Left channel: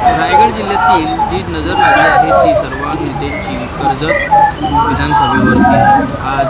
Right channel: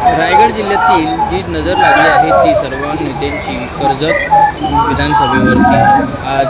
रायगड जिल्ह्यातील जी नजर लागली आहे ती सर्व नेत्यांची कर्जत विधानसभेवरती. आज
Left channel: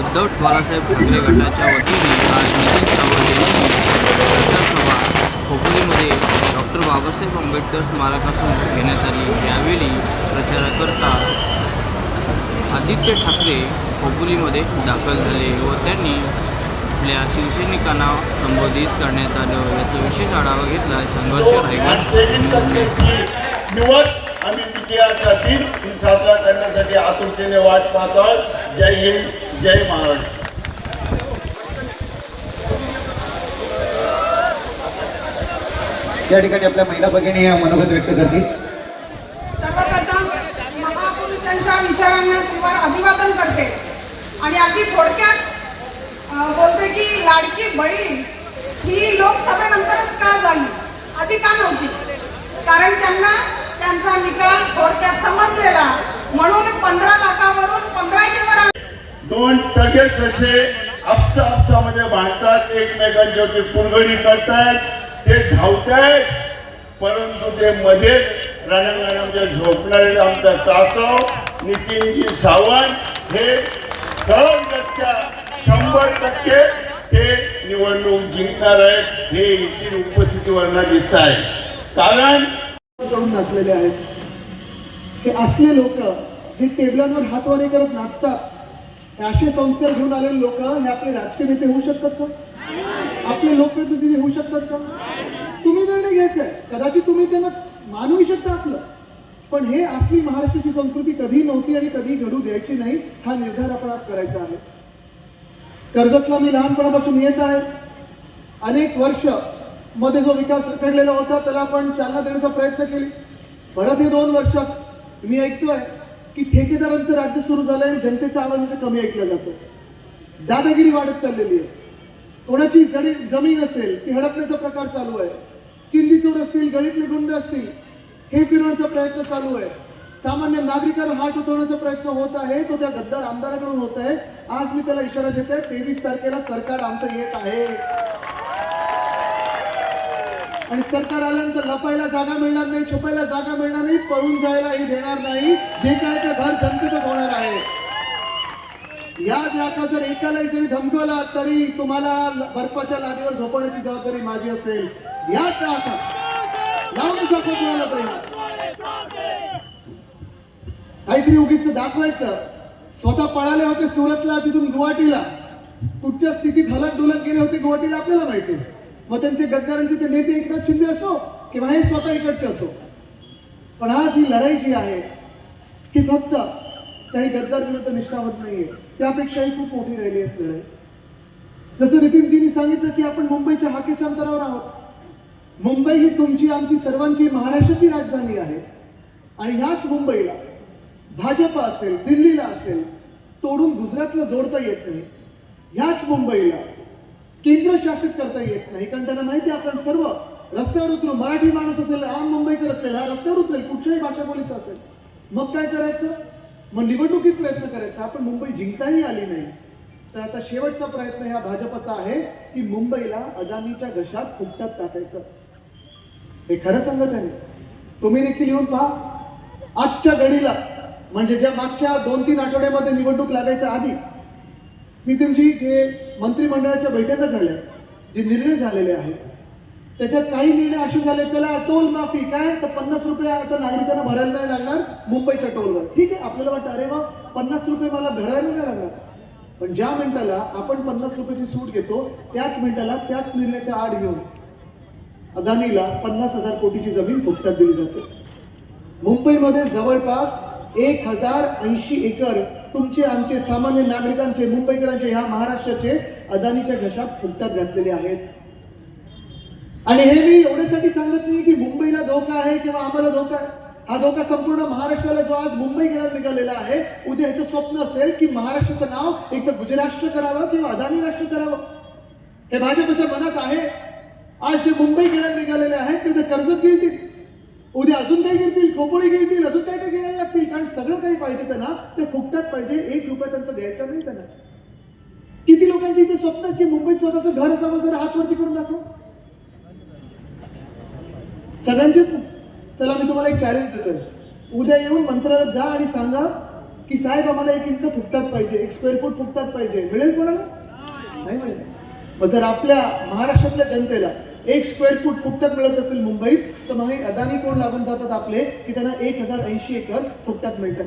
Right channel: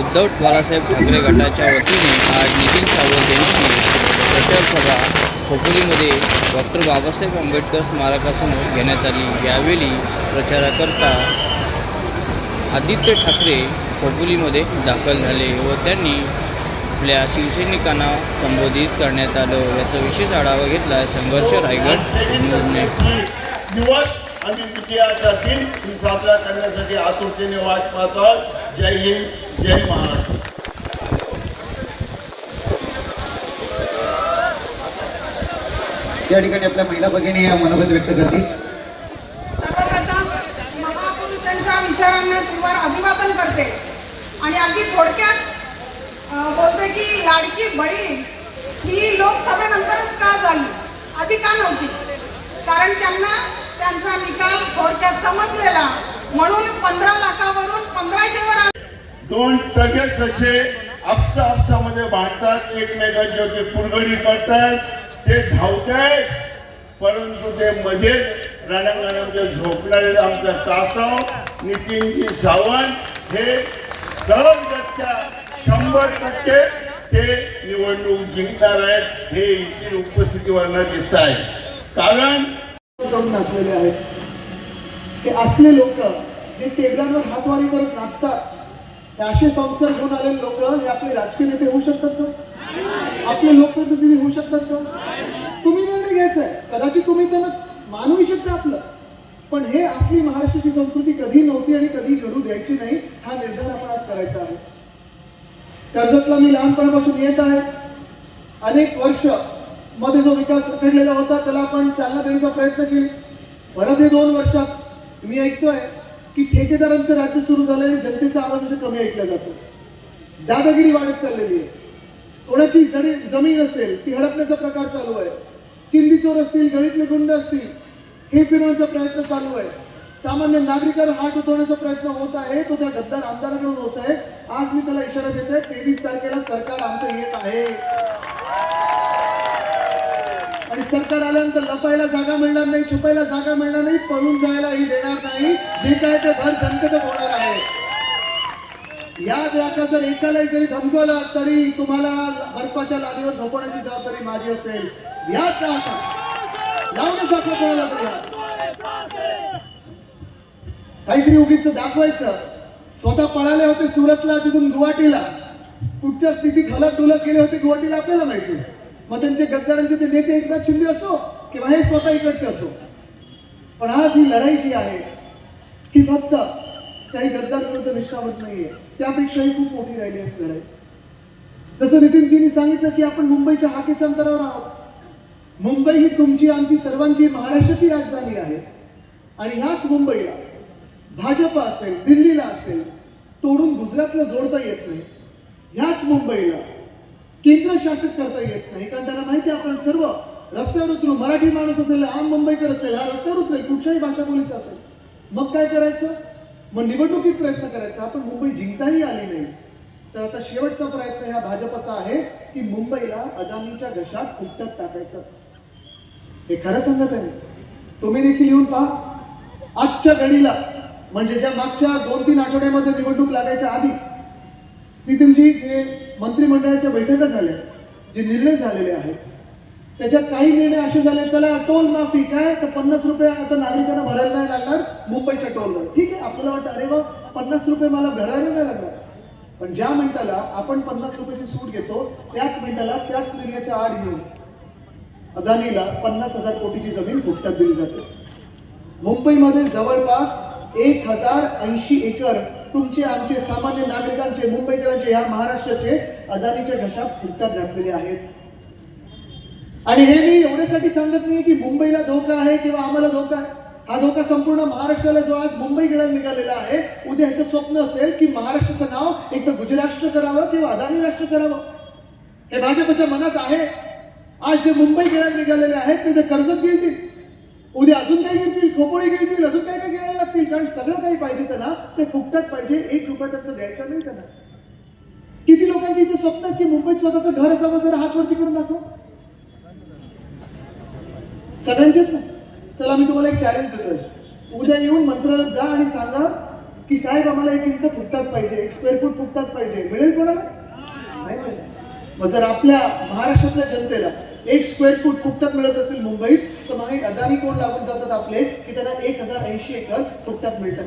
उद्धव बाळासाहेब ठाकरे गटाच्या वतीने आज नितीन सावंत यांची प्रचारसभा खोपोलीमध्ये डॉक्टर बाबासाहेब आंबेडकर स्मारकासमोर घेण्यात आली. यावेळी प्रचाराकरता आदित्य ठाकरे खोपोलीमध्ये दाखल झाले व त्यांनी आपल्या शिवसैनिकांना संबोधित करण्यात आलं. याचा विशेष आढावा घेतला संघर्ष रायगड न्यूजने दिवस आम्ही विजयाचा दिन साजरा करण्यासाठी आतुरतेने वाट पाहत आहोत जय हिंद जय महाराष्ट्र. या ठिकाणी आपल्या महिला भगिनी या मनोगत व्यक्त करतील सर्वप्रथम मनातून त्यांच्या विचारांना तुम्हाला अभिवादन करते आणि अगदी थोडक्यात अं, बोलते की लाडकी बहीण ही लोकसभेनंतरच का झाली? आधी का नव्हती? कारण त्यांना त्यांचा निकाल थोडक्यात समजलेला. म्हणून पंधरा लाखावरून पंधराशे वर दोन टगेच असे आपसा आपसामध्ये भांडतात एकमेकांच्या ते कुरघडी करतात. ते धावतायत परंतु ते मध्ये रणांगणामध्ये झोपणारे आमचा तासाव नितीनजी सावंत हे सरळ सरळगटच्या शंभर टक्के ते निवडणूक जिंकणार आहेत हे इथे उपस्थितीवरनं दिसत आहे. कारण करून नाचलेले आहेत. ते असले लोक जे टेबलांवर हातवारे करत नाचतात. असे संस्कार घेऊन आलेले लोक हे आपले राजकीय नेते होऊ शकतात का? आपले लोकप्रतिनिधी होऊ शकतात का? तुम्ही निर्णय घ्यायचा आहे. कदाचित तुम्ही त्यांना मानवू शकता आपलं. पण हे असली महाराष्ट्राची संस्कृती कधी नव्हती आणि कधी घडू द्यायची नाही हा निर्धार आपण आज करायचा आहे. कर्जतला मी लहानपणापासून येत आहे. अनेक वर्षमध्ये जो विकास रखडलेला होता त्याला आपण चालना देण्याचा प्रयत्न केली. परत हे दोन वर्षात मी ऐकतोय की ठेकेदारांचं राज्य सुरू झालं आणि जनतेचा आवाज म्हणजे कमी ऐकला जातो दादागिरी वाढत चाललेली आहे. कोणाची जडी जमीन असेल ती हडपण्याचा प्रकार चालू आहे. चिंदी चोर असतील गळीतले गुंड असतील हे फिरवण्याचा प्रयत्न चालू आहे. सामान्य नागरिकांवर हात उठवण्याचा प्रयत्न होत आहे. तो त्या गद्दार आमदाराकडून होत आहे. आज मी त्याला इशारा देतोय तेवीस तारखेला सरकार आमचं येत आहे. आणि सरकार आल्यानंतर लपायला जागा मिळणार नाही छुपायला जागा मिळणार नाही पळून जायलाही देणार नाही. जे काय ते घर जनतेतच होणार आहे. या ग्राहका जर एकालाही जरी धमकवला तरी तुम्हाला बर्फाच्या लादीवर झोपवण्याची जबाबदारी माझी असेल. याद राखा. लावण्याचा कोणाला तरी काहीतरी उगीच दाखवायचं. स्वतः पळाले होते सुरतला तिथून गुवाहाटीला. कुठच्या स्थितीत हलत डुलत गेले होते गुवाहाटीला आपल्याला माहिती आहे. मग त्यांचे गद्दारांचे ते नेते एकनाथ शिंदे असो किंवा हे स्वतः इकडचे असो. पण आज ही लढाई जी आहे की फक्त काही गद्दार विरुद्ध निष्ठावत नाहीये. त्यापेक्षाही खूप मोठी राहिली आहे लढाई. जसं नितीनजींनी सांगितलं की आपण मुंबईच्या हाकेच्या अंतरावर आहोत. मुंबई ही तुमची आमची सर्वांची महाराष्ट्राची राजधानी आहे. आणि ह्याच मुंबईला भाजप असेल दिल्लीला असेल तोडून गुजरातला जोडता येत नाही. ह्याच मुंबईला केंद्र शासित करता येत नाही. कारण त्याला माहिती आहे आपण सर्व रस्त्यावर उतरू मराठी माणूस असेल आम मुंबईकर असेल हा रस्त्यावर उतरेल कुठच्याही भाषा बोलीचा असेल मग काय करायचं? मग निवडणुकीत प्रयत्न करायचा. आपण मुंबई जिंकताही आली नाही. तर आता शेवटचा प्रयत्न ह्या भाजपचा आहे की मुंबईला अदानीच्या घशात कुट्यात टाकायचं. हे खरं सांगत आहे तुम्ही देखील येऊन पहा. आजच्या घडीला म्हणजे ज्या मागच्या दोन तीन आठवड्यामध्ये निवडणूक लागायच्या आधी नितीनजी जे मंत्रिमंडळाच्या बैठका झाल्या जे निर्णय झालेले आहेत त्याच्यात काही निर्णय असे झाले चला टोल माफी काय तर पन्नास रुपये आता नागरिकांना भरायला नाही लागणार? मुंबईच्या टोलवर. ठीक आहे आपल्याला वाटतं अरे वा पन्नास रुपये मला भरायला नाही लागणार. पण ज्या मिनिटाला आपण पन्नास रुपयाची सूट घेतो त्याच मिनिटाला त्याच निर्णयाच्या आड घेऊन अदानीला पन्नास हजार कोटीची जमीन फुकटात दिली जाते. मुंबईमध्ये जवळपास एक हजार ऐंशी एकर तुमचे आमचे सामान्य नागरिकांचे मुंबईकरांचे ह्या महाराष्ट्राचे अदानीच्या घशात फुटतात घातलेले आहेत. आणि हे मी एवढ्यासाठी सांगत नाही की मुंबईला धोका आहे किंवा आम्हाला धोका आहे. हा धोका संपूर्ण महाराष्ट्राला जो आज मुंबईकडे निघालेला आहे उद्या ह्याचं स्वप्न असेल की महाराष्ट्राचं नाव एक तर गुजराष्ट्र करावं किंवा अदानी राष्ट्र करावं. हे भाजपच्या मनात आहे. आज जे मुंबई खेळायला निघालेले आहेत ते कर्जत गिळतील उद्या अजून काही घेतील खोपोळी घेतील अजून काय काय घ्यायला लागतील? कारण सगळं काही पाहिजे त्यांना ते फुकटात पाहिजे एक रुपया त्यांचा द्यायचा नाही त्यांना. किती लोकांची इथे स्वप्न की मुंबईत स्वतःचं घर असावं जरा हात वरती करून दाखव? सगळ्यांचेच ना? चला मी तुम्हाला एक चॅलेंज देतोय. उद्या येऊन मंत्रालयात जा आणि सांगा की साहेब आम्हाला एक इंच फुटतात पाहिजे एक स्क्वेअर फूट फुटतात पाहिजे. मिळेल कोणाला? नाही मिळेल. मग जर आपल्या महाराष्ट्रातल्या जनतेला एक स्क्वेअर फूट फुटतात मिळत असेल मुंबईत तर माहीत अदानी कोण लागून जातात आपले की त्यांना एक हजार ऐंशी एकर फुटतात मिळतात.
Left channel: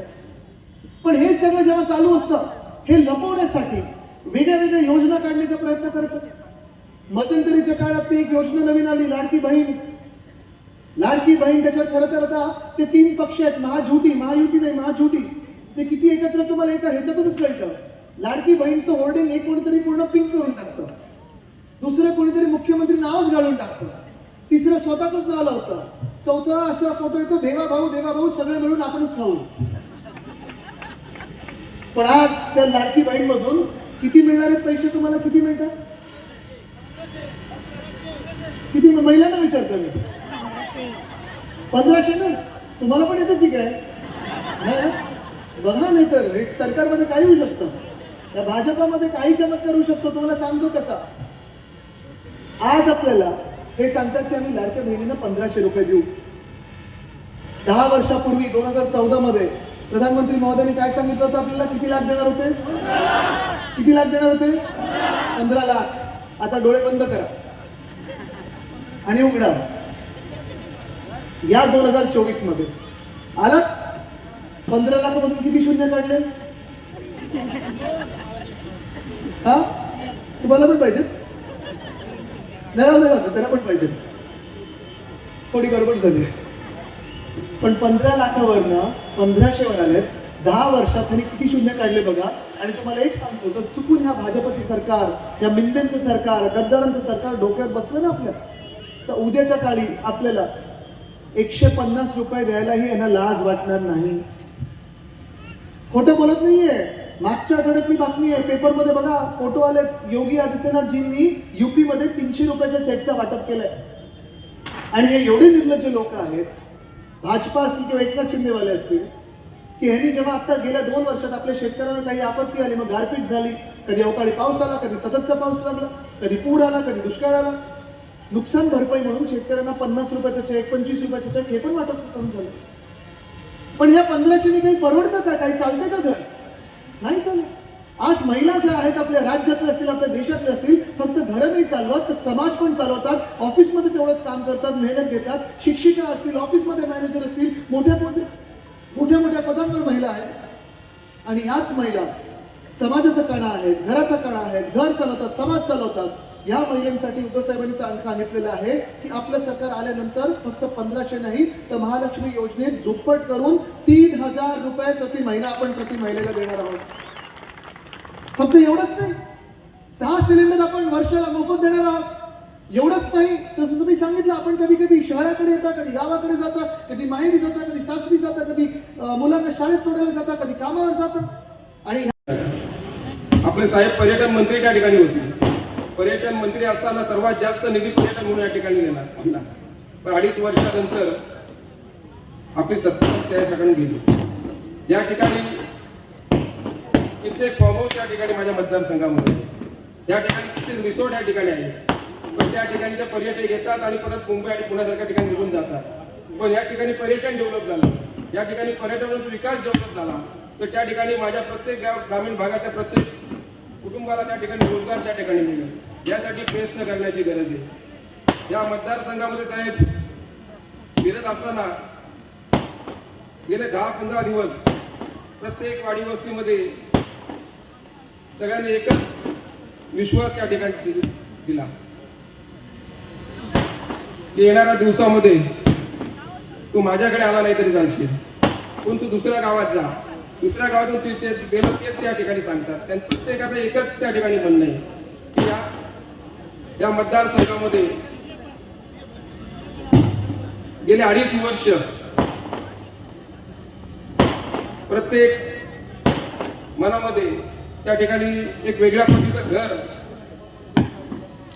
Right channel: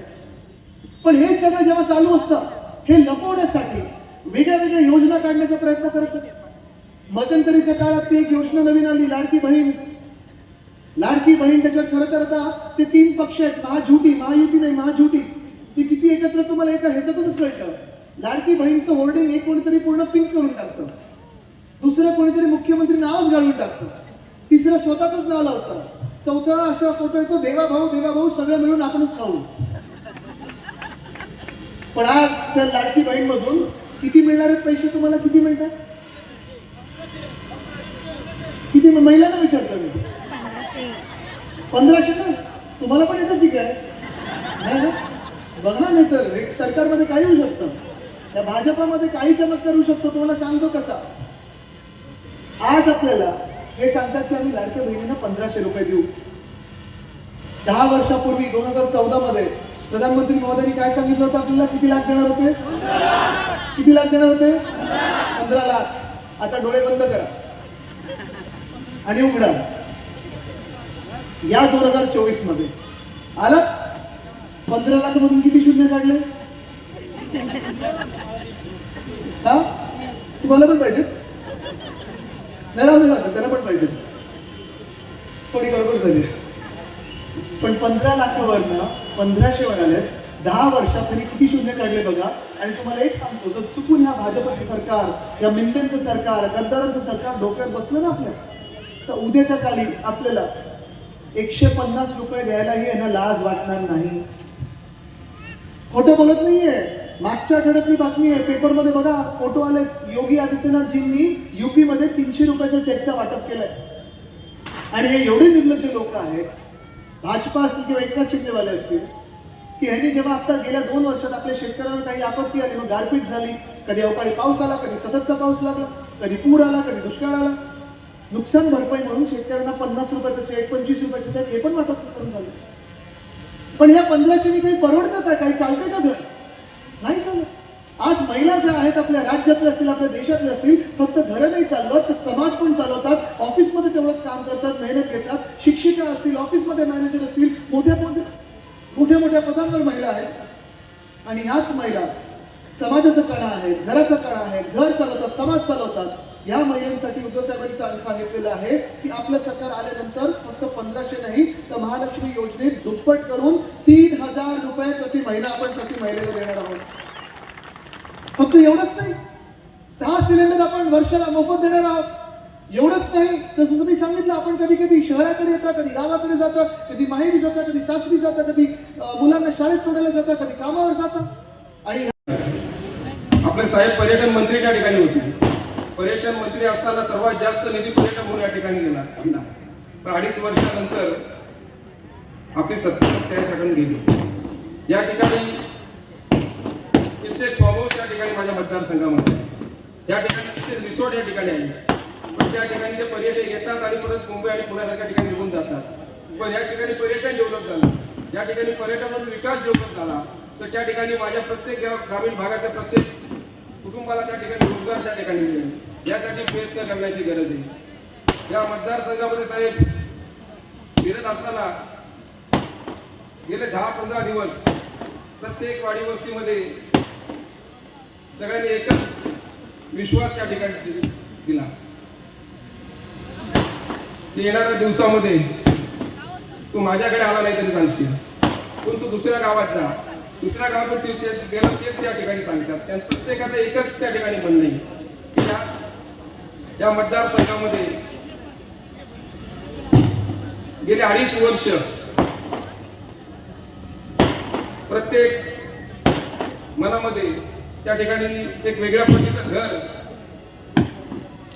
पण हे सगळं जेव्हा चालू असतं हे लपवण्यासाठी वेगळ्या वेगळ्या योजना काढण्याचा प्रयत्न करत होते. मध्यंतरीच्या काळात ती एक योजना नवीन आली लाडकी बहीण. लाडकी बहीण त्याच्यात खरं तर आता ते तीन पक्ष आहेत महाझुटी महायुती नाही महाझुटी. ते किती एकत्र तुम्हाला एका ह्याच्यातूनच कळतं लाडकी बहीणचं होल्डिंग एक कोणीतरी पूर्ण पिंक करून टाकतं. दुसरं कोणीतरी मुख्यमंत्री नावच घालून टाकतं तिसरं स्वतःच नाव लावतं. चौथा असा फोटो येतो देवा भाऊ देवा भाऊ सगळं मिळून आपणच खाऊ. पण आज त्या लाडकी बाईक मधून किती मिळणार आहेत पैसे तुम्हाला? किती मिळतात? किती महिलांना विचारतो मी. पंधराशे ना तुम्हाला पण येतं ठीक आहे. ना? बघा नाही तर सरकारमध्ये काही होऊ शकतं. त्या भाजपामध्ये काही चमत्कार होऊ शकतो. तुम्हाला सांगतो कसा. आज आपल्याला हे सांगतात की आम्ही लाडक्या बहिणीनं पंधराशे रुपये देऊ. दहा वर्षापूर्वी दोन हजार चौदा मध्ये प्रधानमंत्री महोदयांनी काय सांगितलं होतं आपल्याला? किती लाख देणार होते? किती लाख देणार होते? पंधरा लाख. आता डोळे बंद करा. आणि उघडा. या दोन हजार चोवीसमध्ये आला? पंधरा लाख मधून किती शून्य काढले? हा? तुम्हाला पण पाहिजे. नाही ना, नाही ना, त्याला पण पाहिजे. थोडी गडबड झाली. पण पंधरा लाखावरनं पंधराशे वर दहा वर्षात त्यांनी किती शून्य काढले बघा. आणि तुम्हाला एक सांगतो जर चुकून ह्या भाजपचं सरकार या मिंदेचं सरकार गद्दारांचं सरकार डोक्यात बसलं ना आपल्या तर उद्याच्या काळी आपल्याला एकशे पन्नास रुपये द्यायलाही यांना लाज वाटणार नाही. खोटं बोलत नाहीये. मागच्या आठवड्यातली बातमी आहे. पेपरमध्ये बघा फोटो योगी आदित्यनाथजींनी युपीमध्ये तीनशे रुपयाच्या चेकचं वाटप केलंय. आणि हे एवढे निर्लज्ज लोक आहेत भाजपा असतील किंवा एकनाथ शिंदेवाले असतील की ह्यांनी जेव्हा आता गेल्या दोन वर्षात आपल्या शेतकऱ्यांना काही आपत्ती आली मग गारपीट झाली कधी अवकाळी पाऊस आला कधी सततचा पाऊस लागला कधी पूर आला कधी दुष्काळ आला नुकसान भरपाई म्हणून शेतकऱ्यांना पन्नास रुपयाचा चेक पंचवीस रुपयाचा चेक हे पण वाटप करून झालं. पण ह्या पंधराशेनी काही परवडतं का? काही चालतंय का घर? नाही चालत. आज महिला ज्या आहेत आपल्या राज्यातल्या असतील आपल्या देशातल्या असतील फक्त घरं नाही चालवत तर समाज पण चालवतात ऑफिसमध्ये तेवढंच काम करतात मेहनत घेतात शिक्षिका असतील ऑफिसमध्ये मॅनेजर असतील मोठ्या मोठ्या मोठ्या मोठ्या पदांवर महिला आहेत. आणि याच महिला समाजाचा कणा आहेत घराचा कणा आहेत घर चालवतात समाज चालवतात. या महिलांसाठी उद्धव साहेबांनी सांगितलेलं आहे की आपलं सरकार आल्यानंतर फक्त पंधराशे नाही तर महालक्ष्मी योजनेत दुप्पट करून तीन हजार रुपये प्रति महिना आपण प्रति महिलेला देणार आहोत. फक्त एवढंच नाही. सहा सिलेंडर आपण वर्षाला मोफत देणार आहोत. एवढंच नाही. तसं तुम्ही सांगितलं आपण कधी कधी शहराकडे येता कधी गावाकडे जाता कधी माहेरी जाता कधी सासरी जाता कधी मुलांना शाळेत सोडायला जाता कधी कामावर जाता. आणि आपले साहेब पर्यटन मंत्री त्या ठिकाणी होते. पर्यटन मंत्री असताना सर्वात जास्त निधी पर्यटन म्हणून या ठिकाणी गेला तर अडीच वर्षानंतर आपली सत्ता त्याच्याकडून गेली. या ठिकाणी कित्येक फॉर्म हाऊस या ठिकाणी माझ्या मतदारसंघामध्ये. या ठिकाणी रिसोर्ट या ठिकाणी आहे. पण त्या ठिकाणी ते पर्यटक येतात आणि परत मुंबई आणि पुण्यासारख्या ठिकाणी निघून जातात. पण या ठिकाणी पर्यटन डेव्हलप झालं. या ठिकाणी पर्यटनाचा विकास डेव्हलप झाला. तर त्या ठिकाणी माझ्या प्रत्येक ग्रामीण भागातल्या प्रत्येक कुटुंबाला त्या ठिकाणी रोजगार त्या ठिकाणी मिळेल. यासाठी प्रयत्न करण्याची गरज आहे. या मतदारसंघामध्ये साहेब फिरत असताना गेले दहा पंधरा दिवस प्रत्येक वाडी वस्तीमध्ये सगळ्यांनी एकच विश्वास त्या ठिकाणी दिला. येणाऱ्या दिवसामध्ये तू माझ्याकडे आला नाही तरी जाणशील पण तू दुसऱ्या गावात जा. दुसऱ्या गावातून ते- गेलो तेच त्या ठिकाणी सांगतात. त्या प्रत्येकाचं एकच त्या ठिकाणी म्हणणं आहे की या या मतदारसंघामध्ये गेले अडीच वर्ष प्रत्येक मनामध्ये त्या ठिकाणी एक वेगळ्या पद्धतीचं घर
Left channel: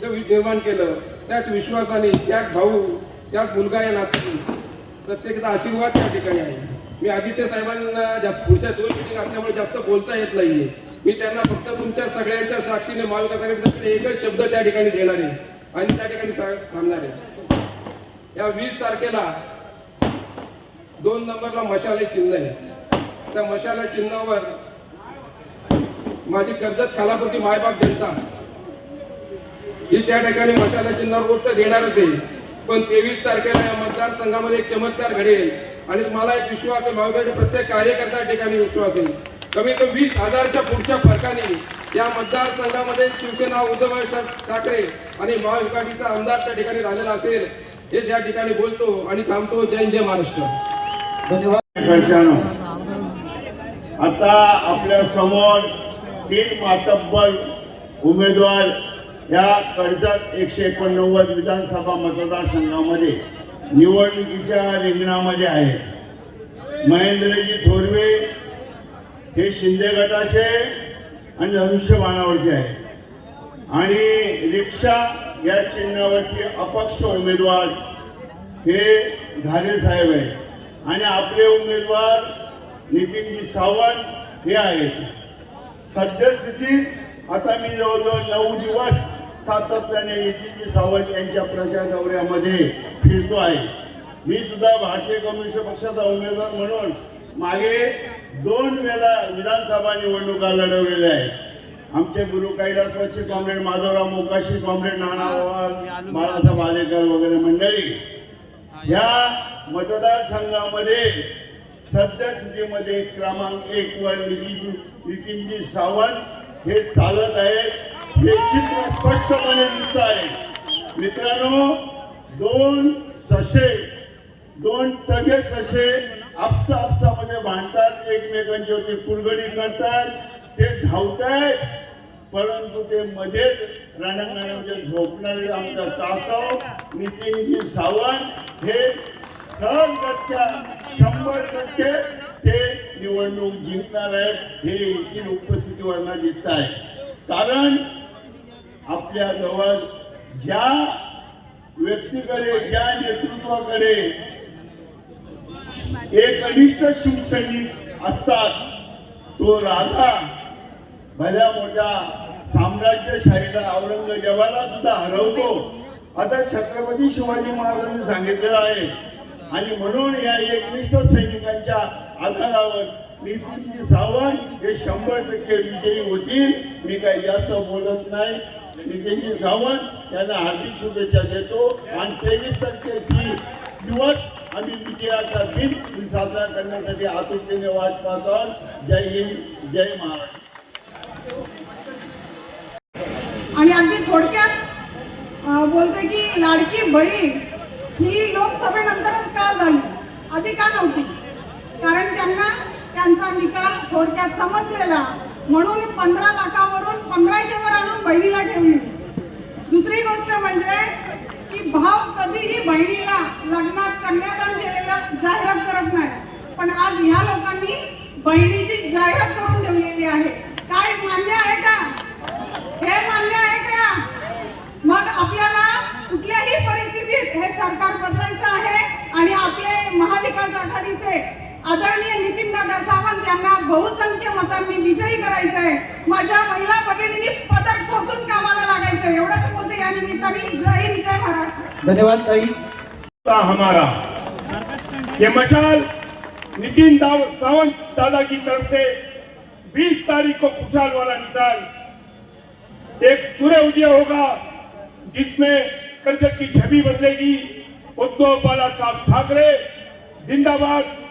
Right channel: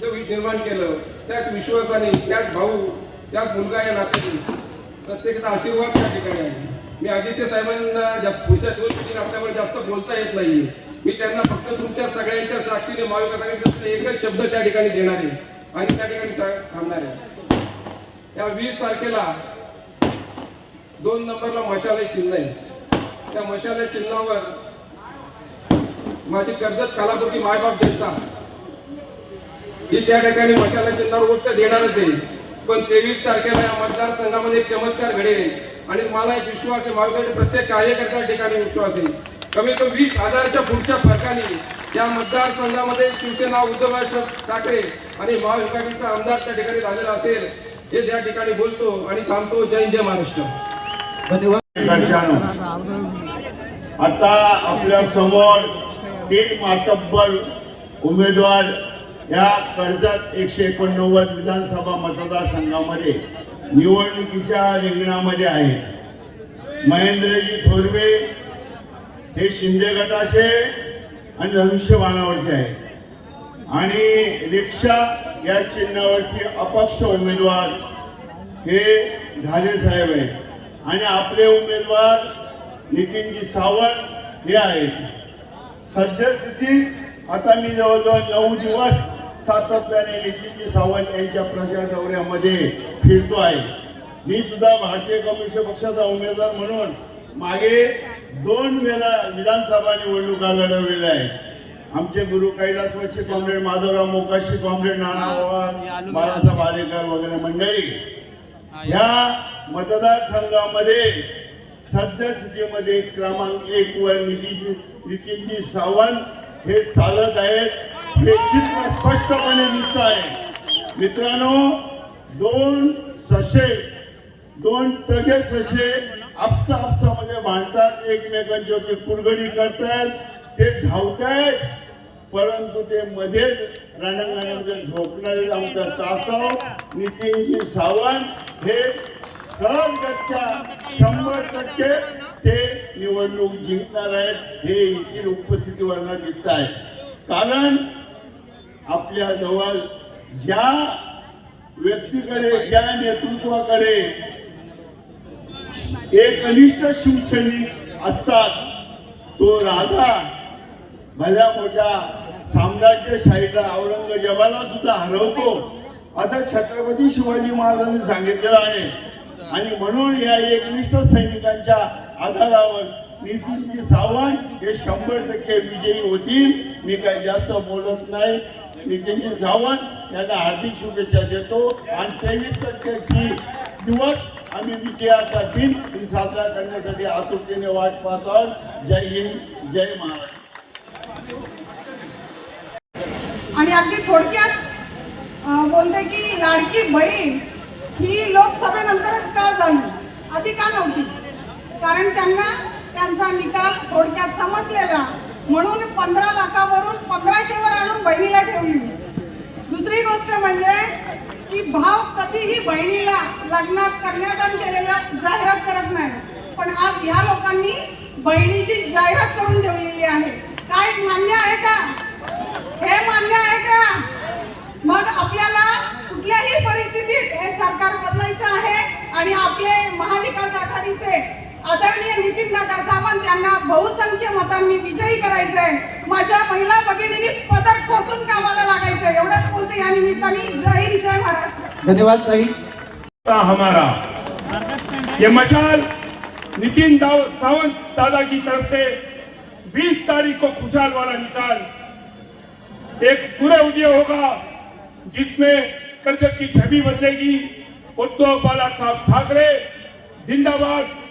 वि- निर्माण केलं त्याच विश्वासाने त्याच भाऊ त्याच मुलगा या नात्याने प्रत्येकाचा आशीर्वाद त्या ठिकाणी आहे. मी आदित्य साहेबांना जास्त पुढच्या दोन मिटिंग आपल्यामुळे जास्त बोलता येत नाहीये. मी त्यांना फक्त तुमच्या सगळ्यांच्या साक्षीने महाविकास एकच शब्द त्या ठिकाणी देणार आहे. आणि त्या ठिकाणी थांबणार आहे. या वीस तारखेला दोन नंबरला मशाले चिन्ह आहे. त्या मशाले चिन्हावर माझी कर्जत कालापुरती मायबाप जनता. ही त्या ठिकाणी मशाला चिन्हावर वोट देणारच आहे. पण तेवीस तारखेला या मतदारसंघामध्ये एक चमत्कार घडेल. आणि तुम्हाला एक विश्वास आहे मावळ्याच्या प्रत्येक कार्यकर्त्या ठिकाणी विश्वास आहे. कमी तो वीस हजारच्या पुढच्या फरकाने या मतदारसंघामध्ये शिवसेना उद्धव ठाकरे आणि महाविकाटीचा आमदार त्या ठिकाणी झालेला असेल हे त्या ठिकाणी बोलतो आणि थांबतो जय जय महाराष्ट्र. धन्यवाद. आता आपल्यासमोर तीन मातब्बर उमेदवार या कर्जत एकशे एकोणनव्वद विधानसभा मतदारसंघामध्ये निवडणुकीच्या रिंगणामध्ये आहेत महेंद्रजी थोरवे हे शिंदे गटाचे आणि धनुष्यबाणावरचे आहेत. आणि रिक्षा या चिन्हावरचे अपक्ष उमेदवार हे घाले साहेब आहेत. आणि आपले उमेदवार नितीनजी सावंत हे आहेत. सद्यस्थितीत आता मी जवळजवळ नऊ दिवस सातत्याने नितीनजी सावंत यांच्या प्रचार दौऱ्यामध्ये फिरतो आहे. मी सुद्धा भारतीय कम्युनिस्ट पक्षाचा उमेदवार म्हणून मागे दोन वेळा विधानसभा निवडणुका लढवलेल्या आहेत. आमचे गुरु कैलासवासी कॉम्रेड माधवराव मोकाशी कॉम्रेड नाना बाळासाहेब आलेकर वगैरे मंडळी. या. मतदारसंघामध्ये सद्यस्थितीमध्ये क्रमांक एक वर नितीन नितीनजी सावंत हे चालत आहेत. हे चित्र स्पष्टपणे दिसत आहे. मित्रांनो दोन ससे दोन टगे ससे आपसा आपसामध्ये भांडतात एकमेकांचे होते कुरगडी करतात ते धावतायत परंतु ते मध्येच रणांगणामध्ये झोपणारे आमचा तासव नितीनजी सावंत हे सहजगत्या शंभर टक्के ते निवडणूक जिंकणार आहेत हे इथील उपस्थितीवरनं दिसत आहे कारण आपल्या जवळ ज्या व्यक्तीकडे ज्या नेतृत्वाकडे एक कनिष्ठ शिवसैनिक असतात तो राजा भल्या मोठ्या साम्राज्यशाहीला औरंगजेबाला सुद्धा हरवतो असा छत्रपती शिवाजी महाराजांनी सांगितलेलं आहे. आणि म्हणून या एकनिष्ठ सैनिकांच्या आधारावर नितीनजी सावंत हे शंभर टक्के विजयी होतील. मी काही जास्त बोलत नाही. नितीनजी सावंत यांना हार्दिक शुभेच्छा देतो. आणि तेवीस तारखेची दिवस आम्ही विजयाचा दिन ही साजरा करण्यासाठी आतुरतेने वाट पाहत आहोत. जय हिंद जय महाराष्ट्र. आणि अगदी थोडक्यात बोलते की लाडकी बहीण ही लोकसभेनंतरच का झाली? आधी का नव्हती? कारण त्यांना त्यांचा निकाल थोडक्यात समजलेला. म्हणून पंधरा लाखावरून पंधराशे वर आणून बहिणीला ठेवली. दुसरी गोष्ट म्हणजे की भाव कधीही बहिणीला लग्नात कन्यादान केलेला जाहिरात करत नाही. पण आज ह्या लोकांनी बहिणीची जाहिरात करून ठेवलेली आहे. काय मान्य आहे का? हे मान्य आहे का? मग आपल्याला कुठल्याही परिस्थितीत हे सरकार बदलायचं आहे आणि आपले महाविकास आघाडीचे आदरणीय नितीन दादा सावंत यांना बहुसंख्य मतांनी विजयी करायचंय. माझ्या महिला भगिनींनी पदर खोचून कामाला लागायचं एवढंच बोलते. या निमित्ताने जय हिंद जय महाराष्ट्र. धन्यवाद ताई. हमारा. ये मशाल नितिन दाव- सावंत दादा की तरफ से 20 तारीख को खुशहाल वाला मिसाल। एक पूरा उदय होगा जिसमें कर्जत की छवि बदलेगी। उद्धव बाला साहब ठाकरे जिंदाबाद।